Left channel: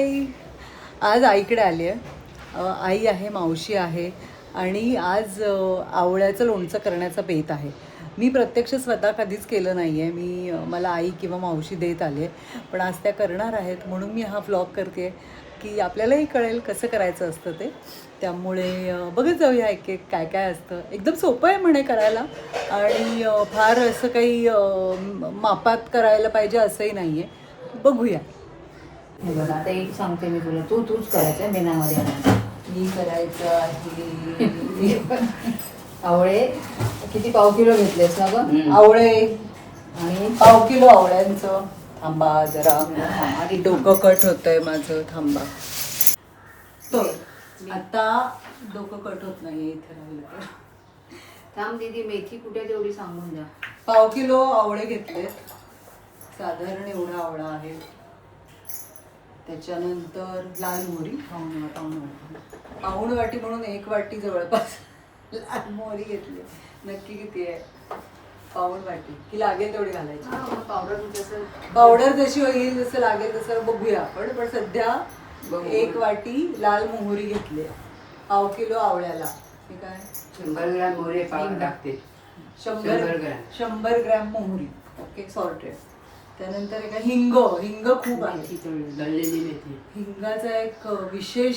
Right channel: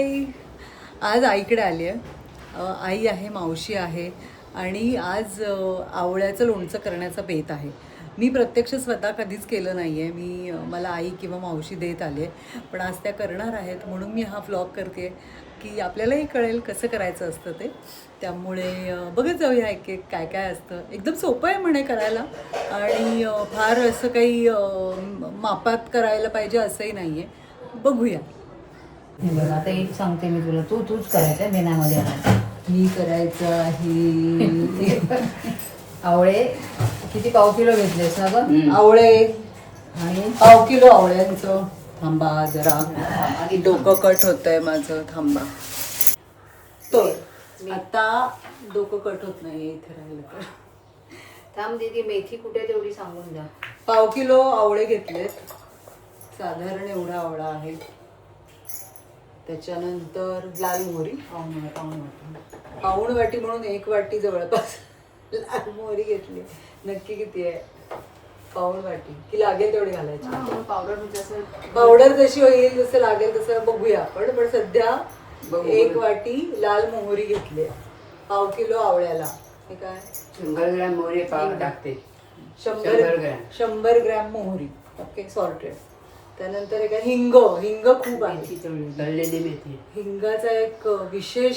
हाय. आज आईकडे आली आहे. आई आहे, मावशी आहे आणि आज आवळ्याचं लोणचं करण्याचा बेत आहे. मी प्रत्यक्ष स्वतः कधीच केलं नाही आहे. मला आई किंवा मावशी देत आली आहे, पण आज त्या करणार आहेत म्हणून मी हा व्लॉग करते की आपल्यालाही कळेल कसं करायचं असतं ते. त्यामुळे बघत जाऊया एक एक काय काय असतं. एकदम सोपं आहे म्हणे करायला आणि फार असं काही मापात करायला पाहिजे असंही नाही आहे. बघूया. हे बघ आता एक सांगते मी तुला, तूच करायचं आहे बिनामध्ये आणायचं. मी करायचं आहे. आवळे किती पाव किलो घेतलेस ना गं? आवळे आणि पाव किलो आवळ्यांचं. थांबा जरा, डोकं कट होतंय माझं, थांबा. तर आता डोकं कट होत नाहीये इथे राहिलं तर. थांब दीदी, मेथी कुठे तेवढी सांगून द्या. पाव किलो आवळे घेतलेत, साधारण एवढा आवळा आहे. त्याच्यानंतर लाल मोहरी पाऊण वाटी म्हणून 1 वाटी जवळपास लाल मोहरी घेतली. नक्की किती आहे? पाऊण वाटी की लागेल तेवढी घालायची. पावडर जशी होईल जसं लागेल तसं बघूया आपण. पण सध्या 1 वाटी लाल मोहरी घेतली पाव किलो आवळ्याला. हे काय 100 ग्रॅम मोहरी पाव टाकते. 100 ग्रॅम मोहरी. Okay, sorted. त्यानंतर एक हिंग खूप आहे. तळलेली मेथी. हिंगाचा एक विशेष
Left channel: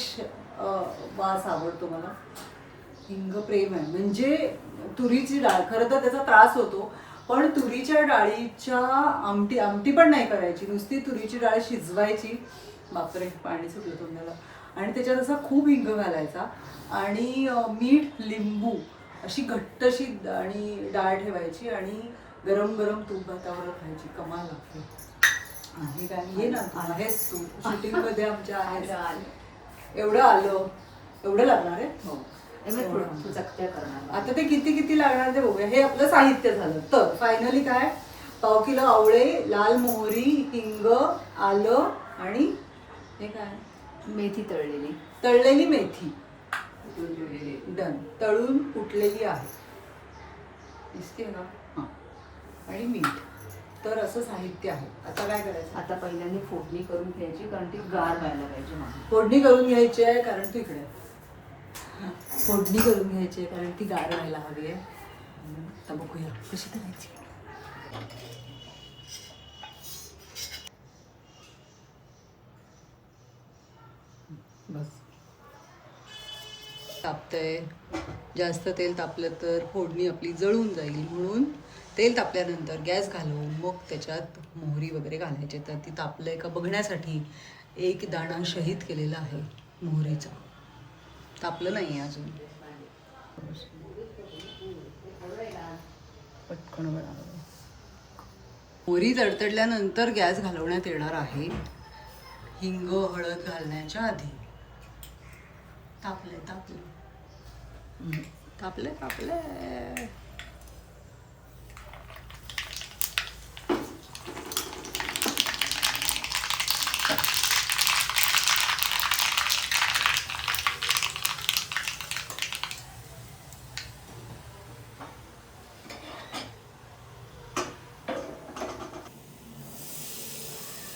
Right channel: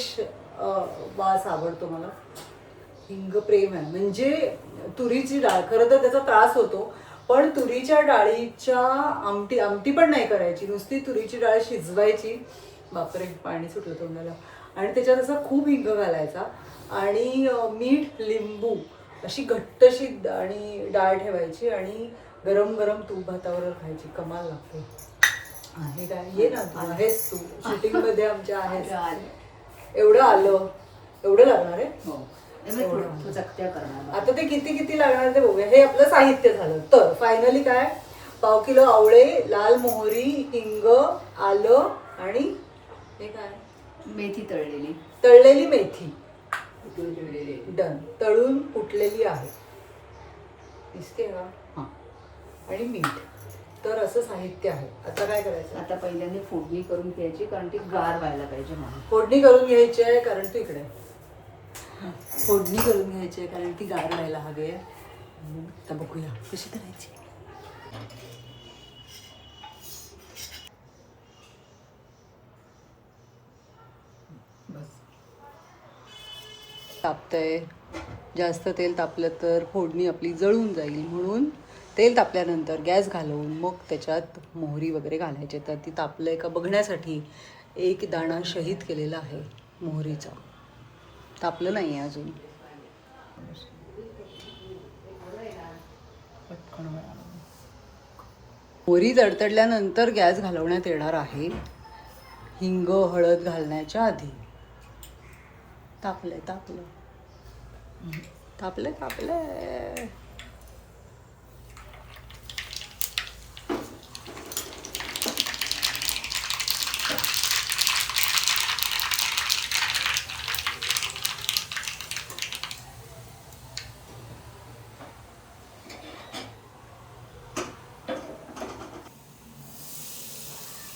वास आवडतो मला. हिंग प्रेम आहे. म्हणजे तुरीची डाळ, खरं तर त्याचा त्रास होतो, पण तुरीच्या डाळीच्या आमटी पण नाही करायची, नुसती तुरीची डाळ शिजवायची. बापरे, पाणी सुटलं तोंडाला. आणि त्याच्यात असं खूप हिंग घालायचा आणि मीठ, लिंबू अशी घट्टशी आणि डाळ ठेवायची आणि गरम गरम तूप भातावर खायची. कमाल लागते. आहे काय? ये ना, तू आहेस, तू शूटिंग मध्ये आमच्या आहेस. एवढं लागणार आहे. आता ते किती लागणार ते बघूया. हे आपलं साहित्य झालं. तर फायनली काय, पाव किलो आवळे, लाल मोहरी, हिंग, आलं आणि हे काय, मेथी तळलेली मेथी. ठेवलेली. डन. तळून कुटलेली आहे, दिसते का? हां. आणि मीठ. तर असं साहित्य आहे. आता काय करायचं? आता पहिल्यांदा फोडणी करून घ्यायची, कारण ती गार व्हायला पाहिजे म्हणून. फोडणी करून घ्यायची आहे कारण तू इकडे. फोडणी करून घ्यायची आहे कारण ती गार व्हायला हवी आहे. आता बघूया कशी करायची. बस तापतंय. जास्त तेल तापलं तर फोडणी आपली जळून जाईल, म्हणून तेल तापल्यानंतर गॅस घालवून मग त्याच्यात मोहरी वगैरे घालायचे. तर ती तापलंय का बघण्यासाठी एक दाणा शहीद केलेला आहे मोहरीचा. तापलं नाही आहे अजून. मोहरी तडतडल्यानंतर गॅस घालवण्यात येणार आहे, हिंग हळद घालण्याच्या आधी. तापलंय.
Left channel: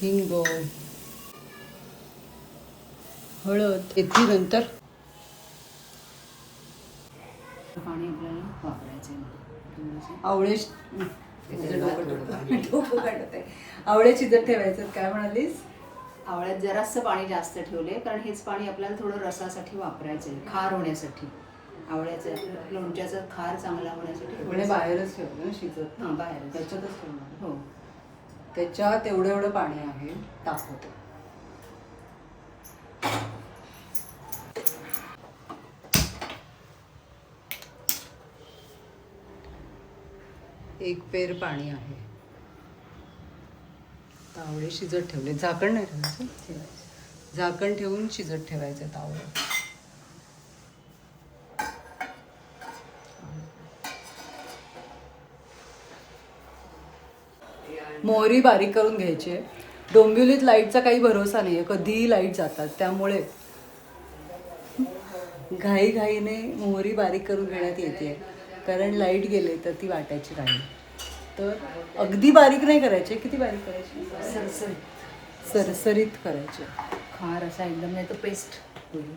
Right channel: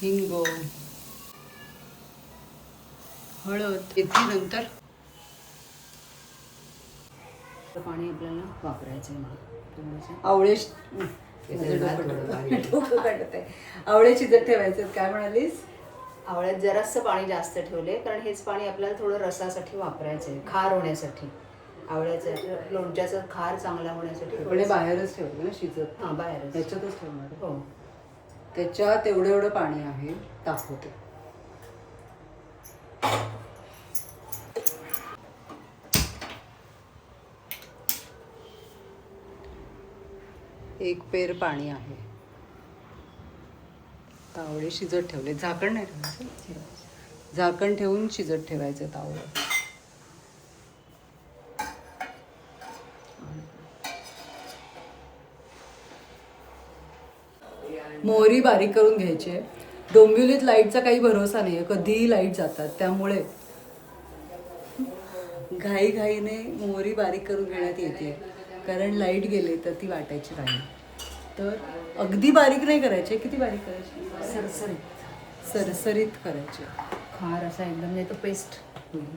हिंग, हळद घेतली नंतर पाणी आपल्याला वापरायचं आहे. आवळे शिजत ठेवायचे. काय म्हणालीस? आवळ्यात जरासं पाणी जास्त ठेवले, कारण हेच पाणी आपल्याला थोडं रसासाठी वापरायचं आहे, खार होण्यासाठी. आवळ्याचं लोणच्याचा खार चांगला होण्यासाठी म्हणजे बाहेरच ठेवलं ना शिजत? हां, बाहेरच. त्याच्यातच ठेवणार. हो. त्याच्यात एवढं पाणी आहे, दाखवते. एक पेर पाणी आहे. आवळे शिजत ठेवले. झाकण नाही ठेवायचं, झाकण ठेवून शिजत ठेवायचं आवळे. मोहरी बारीक करून घ्यायची आहे. डोंबिवलीत लाईटचा काही भरोसा नाही आहे, कधीही लाईट जातात. त्यामुळे घाईघाईने मोहरी बारीक करून घेण्यात येते, कारण लाईट गेले तर ती वाटायची राहील. तर अगदी बारीक नाही करायचे. किती बारीक करायची? सरसरीत करायचे. खार असा एकदम नाही तो पेस्ट होईल.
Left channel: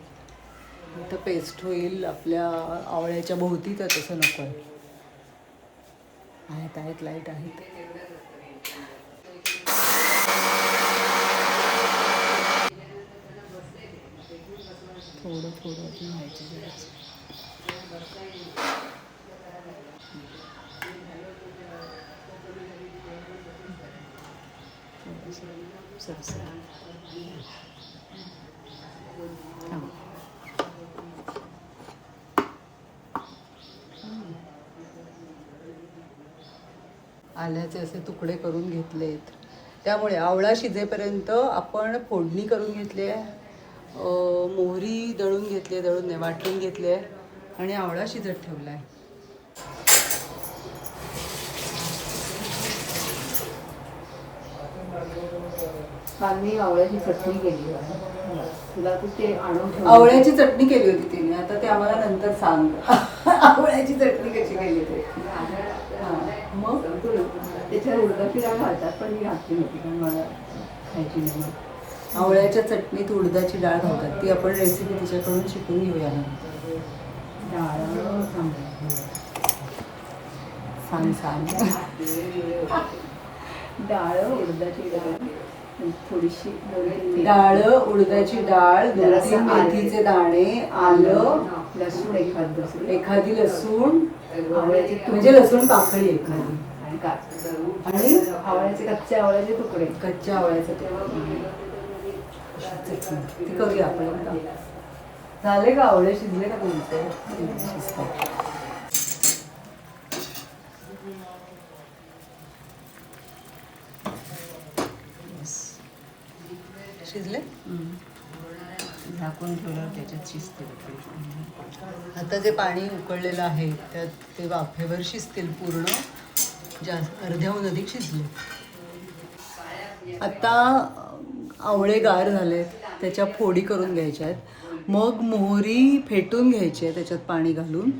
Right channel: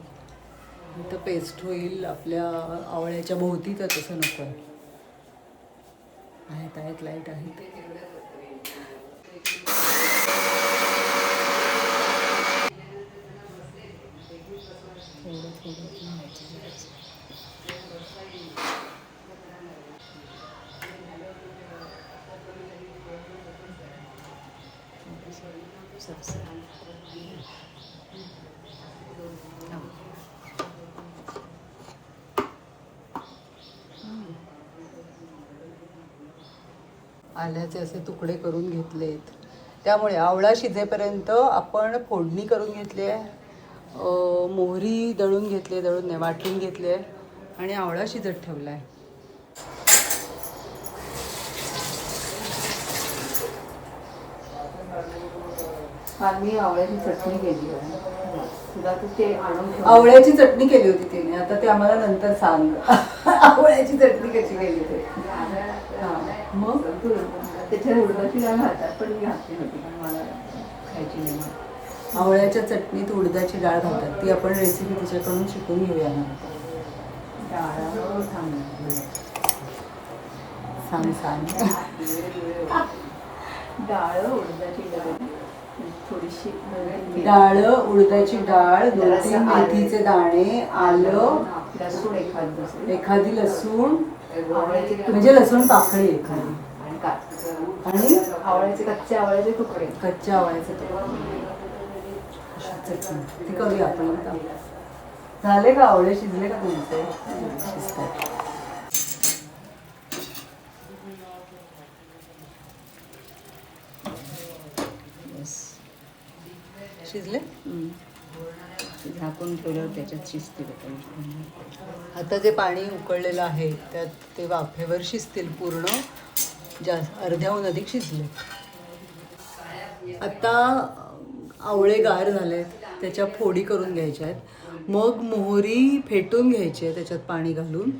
इथं पेस्ट होईल आपल्या आवळ्याच्या भोवती, तर तसं नको आहे. आहेत लाईट आहेत. थोडं थोडं व्हायचं जरासं. सरसर. आल्याचे असे तुकडे करून घेतलेत. त्यामुळे आवळा शिजेपर्यंत आपण फोडणी करून घेतली आहे. मोहरी दळून घेतली आहे, दळून नाही वाटून घेतली आहे, आणि आवळा शिजत ठेवला आहे. आम्ही आवळ्याची चटणी केली आहे. तुला तर ते आणून ठेव. आवळ्याची चटणी केली होती तिने, आता ते आम्हाला नंतर सांग. आवळ्याची चटणी कशी केली ते. हां, मग त्याच्यात उडदाची डाळ घालतात, पण मी घातली नव्हती कारण मला खायची नाही. आवळ्याच्या चटणीत उडदाची डाळ घालतात. ती आपण रेसिपी तिच्याकडून शिकून घेऊया नंतर. डाळ सांग. डाळ उडदाची डाळ थोडीशी डाळ, उडदाची डाळ, 2-3 मेथीचे दाणे, आलं, लसूण एखादी लसूण, आवळ्याची म्हणजे लसूण पाकळी एखादी, आणि आवळ्याचे कच्चे आवळ्याचे तुकडे. कच्च्या आवळ्याचं चटणी ती करूया आपण एकदा. झाले का आवळे शिजले का तुमचे? शिजतात. शिजले? झाकून ठेवल्यावर त्याच्यात शिजते. आता जे पाणी उकळलेलं आहे त्यात ते वाफेवर शिजतील पूर्ण. अर्ध्याहून अधिक शिजले. आता आवळे गार झालेत, त्याच्या फोडी करून घ्यायच्या आहेत. मग मोहरी फेटून घ्यायची आहे त्याच्यात पाणी घालून.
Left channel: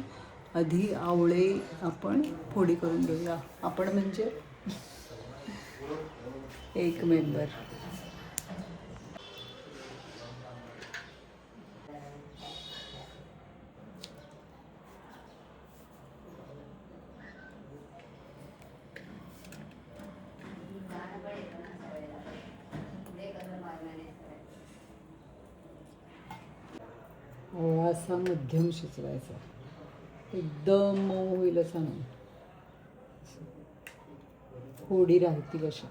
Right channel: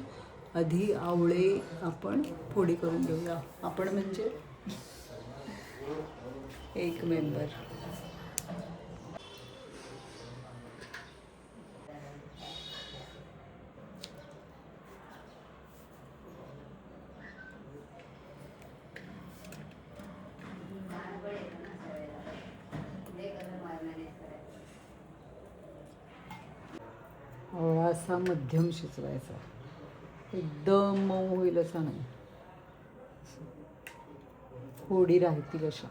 आधी आवळे आपण फोडी करून घेऊया. आपण म्हणजे एक मेंबर. आवळा असा मध्यम शिजवायचा, एकदम मऊ होईल असा नाही, फोडी राहतील अशा.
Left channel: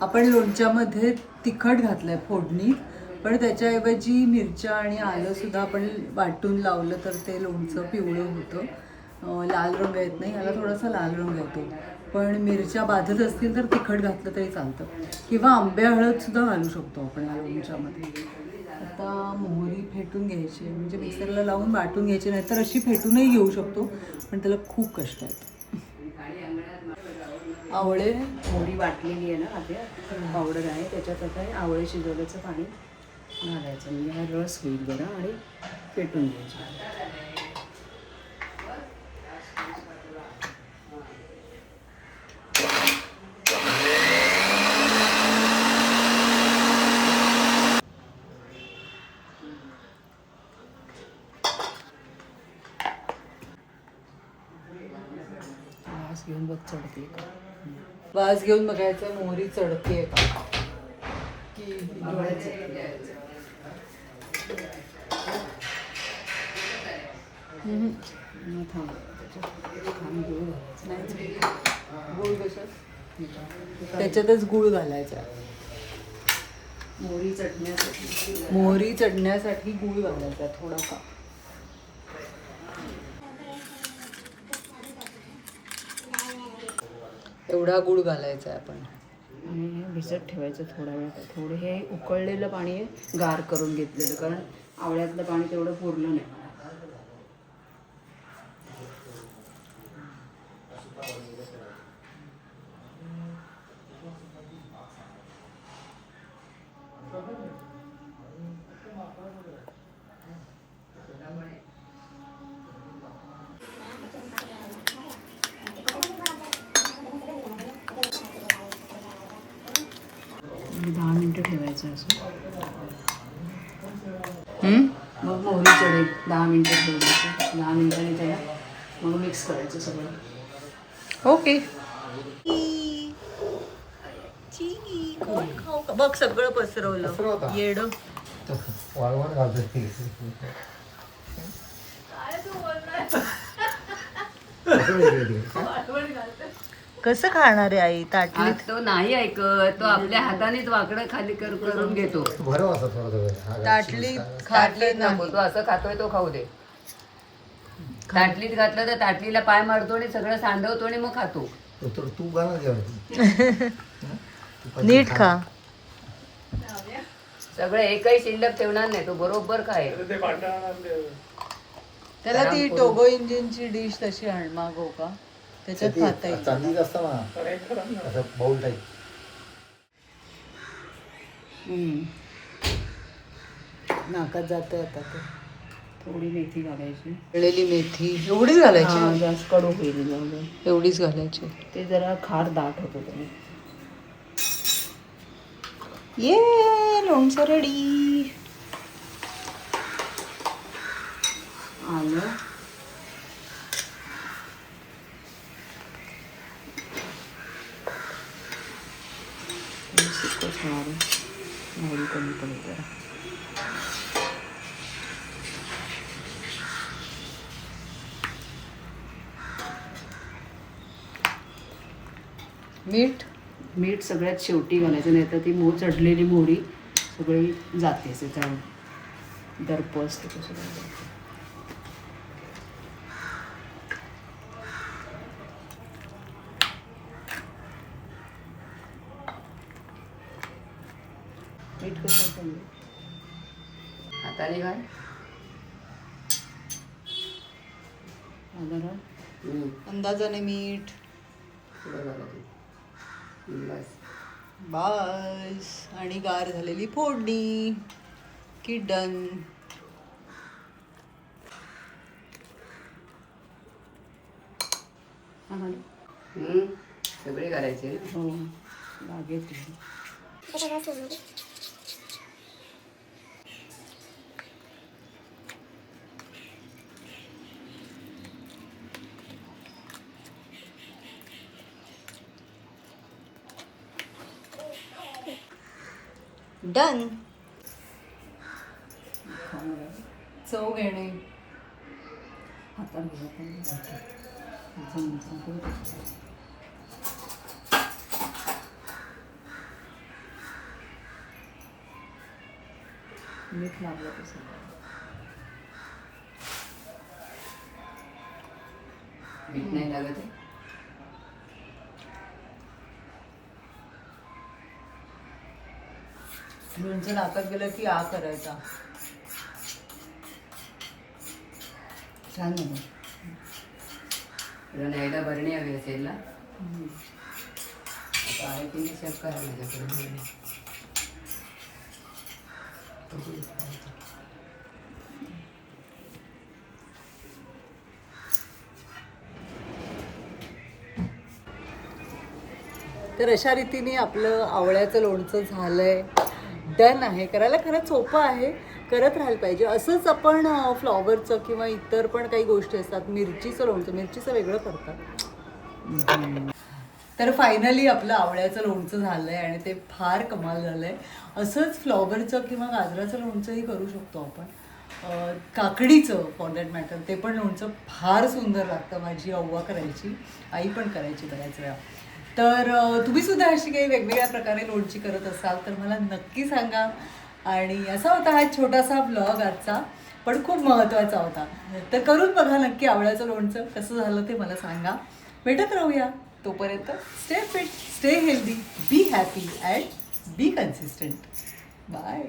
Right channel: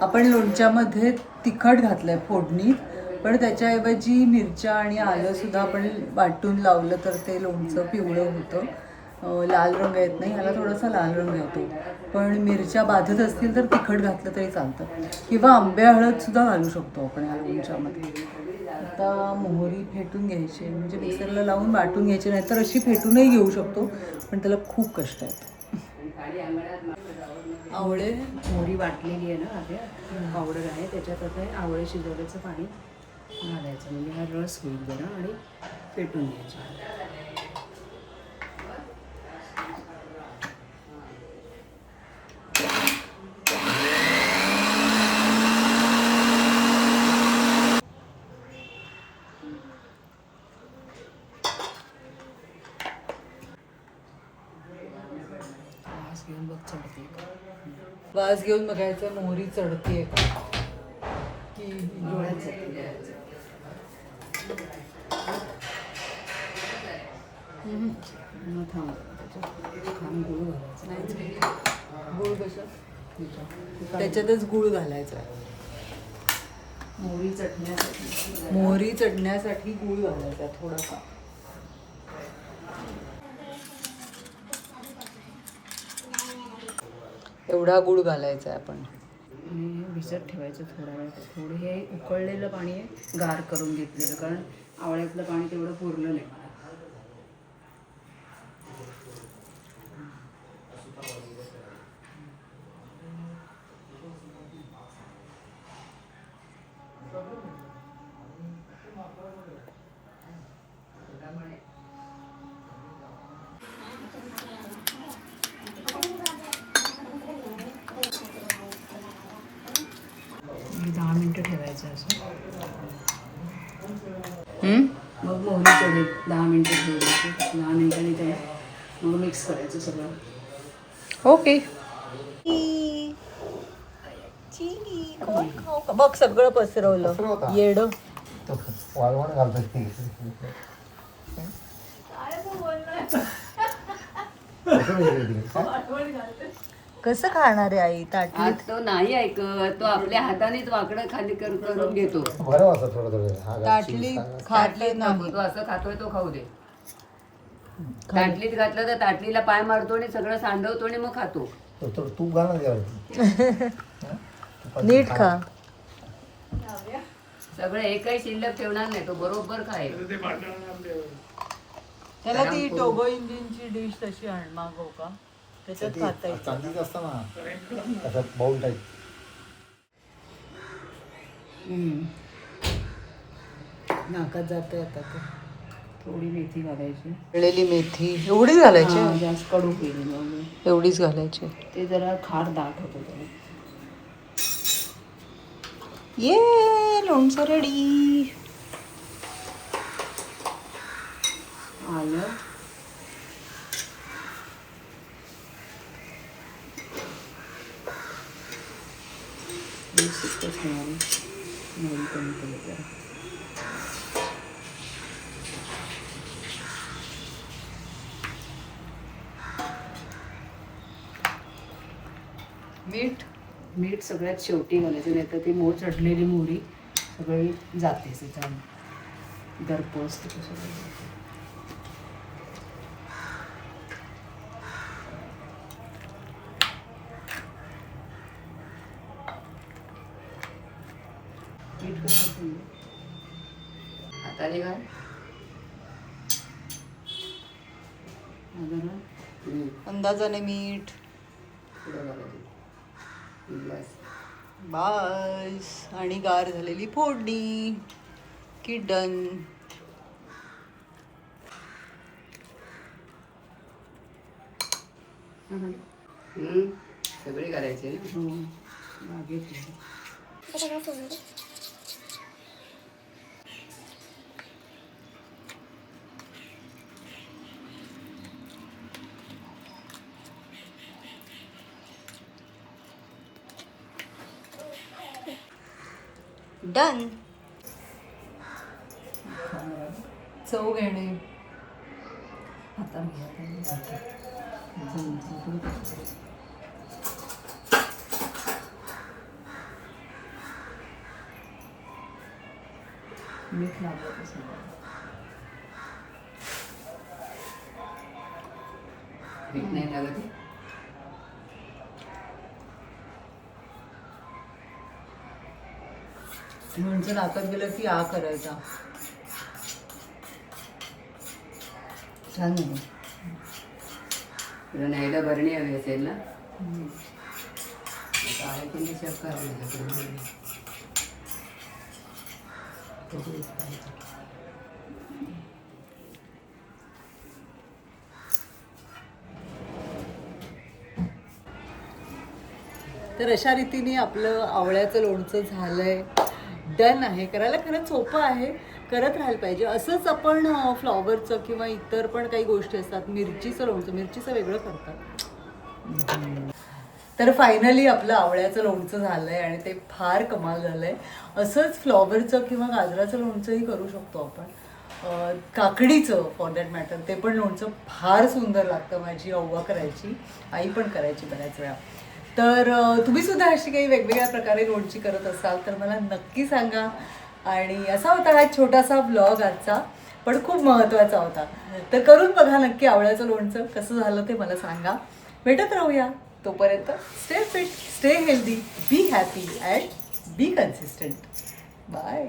आपण लोणच्यामध्ये तिखट घातलंय फोडणीत, पण त्याच्याऐवजी मिरच्या आणि आलं सुद्धा आपण वाटून लावलं तर ते लोणचं पिवळं होतं. लाल रंग येत नाही, याला थोडासा लाल रंग येतो. पण मिरच्या बाधत असतील तर तिखट घातलं तरी चालतं, किंवा आंबे हळद सुद्धा घालू शकतो आपण या लोणच्यामध्ये. आता मोहरी फेटून घ्यायची, म्हणजे मिक्सरला लावून वाटून घ्यायची, नाहीतर अशी फेटूनही घेऊ शकतो, पण त्याला खूप कष्ट आहेत. आवळे मोहरी वाटलेली आहे ना आधी पावडर आहे, त्याच्यात आता हे आवळे शिजवल्याचं पाणी घालायचं, म्हणजे हा रस होईल जरा, आणि पेटून घ्यायचे. घेऊन बघ चढते वास घेऊन बघायचं मोहरी चढते का की डोळ्याचं. मग थांब त्याच्यात खांब गुळ घालायचं. नाही, गूळ कशात? त्याच्यातच गूळ घालायचा आहे. मोहरी चटण्यासाठी मोहरी चढण्यासाठी गूळ घालायचा थोडासा. एवढा गूळ घालायचा आहे आपण. आणि भिजत ठेवायचं थोड्या वेळ. थोडं हे उकळलेलं पाणी आहे गार करून घेतलेलं, कारण आवळ्यातलं पाणी तेवढं पूर्ण नाही. मिनटं ठेवायचं असं. मग मोहरी चढेल 10 मिनटं ठेवायची. 10 मिनटांनी त्याला मग मिक्स करायचं सगळं. ओके. बघ सगळं पसरवलं येड. वाळवण घालतोय. कसं खाणार आहे आई आज ताटलीत? तो नाही ऐकत, तो आपल्या हातानेच वाकडं खाली करून घेतो. बरं वाटतं थोडं ताटलीत खाते ना. नको, तो असं खातोय तो खाऊ दे. ताटलीत घातलं तर ताटलीला पाय मारतो आणि सगळं सांडवतो आणि मग खातो. तू घाल ना. नीट खा. सगळं एकही शिल्लक ठेवणार नाही, तो बरोबर खाईल. त्याला ती टोगो इंजिनची डिश तशी आण मागव का, त्याच्यात खाता येईल. चांदीच असतं ना असं बाउल टाईप. नाकात जाते आता ते. थोडी मेथी घालायची. तळलेली मेथी एवढीच घालायची? हा, जास्त कडू केली जाऊन. एवढीच घालायची. ते जरा खार दाट होतं त्याला. ये लोणचं रेडी. आलं, मोहरी कमी कमी करा. मीठ. मीठ सगळ्यात शेवटी घालायचं, नाही तर ती चढलेली मोहरी सगळी जाते. त्याचा दर्प असते तो सगळं जाते. मीठ कसं होतं? हाताने घाल. अंदाजाने मीठ. बस. आणि गार झालेली फोडणी की डन. सगळे घालायचे. हो, लागेल. डन. चव घेणे. आता मीठ लागलं तसं. मीठ नाही लागत आहे. लोणचं नाकात गेलं की आ करायचा. छान झालं. तुला न्यायला भरणी हवी असेल ना. आता आहे कोणती सर्व करायला. तर अशा रीतीने आपलं आवळ्याचं लोणचं झालंय. डन आहे. करायला खरंच सोपं आहे, करत राहायला पाहिजे. असंच आपण फ्लॉवरचं किंवा इतर पण काही गोष्टी असतात. मिरचीचं लोणचं, मिरचीचं वेगळं करतात. तर फायनली आपलं आवळ्याचं लोणचं झालंय आणि ते फार कमाल झालंय. असंच फ्लॉवरचं किंवा गाजराचं लोणचंही करू शकतो आपण. काकडीचं फॉर दॅट मॅटर ते पण लोणचं फार सुंदर लागतं. माझी अव्वा करायची, आई पण करायची बऱ्याच वेळा. तर तुम्ही सुद्धा अशी काही वेगवेगळ्या प्रकारे लोणची करत असाल तर मला नक्की सांगा. आणि असा होता हा छोटासा ब्लॉग आजचा, पण खूप महत्त्वाचा होता. तर करून बघा नक्की आवळ्याचं लोणचं. कसं झालं ते मला सांगा. भेटत राहूया. तोपर्यंत stay fit, stay healthy, be happy and be consistent. Bye.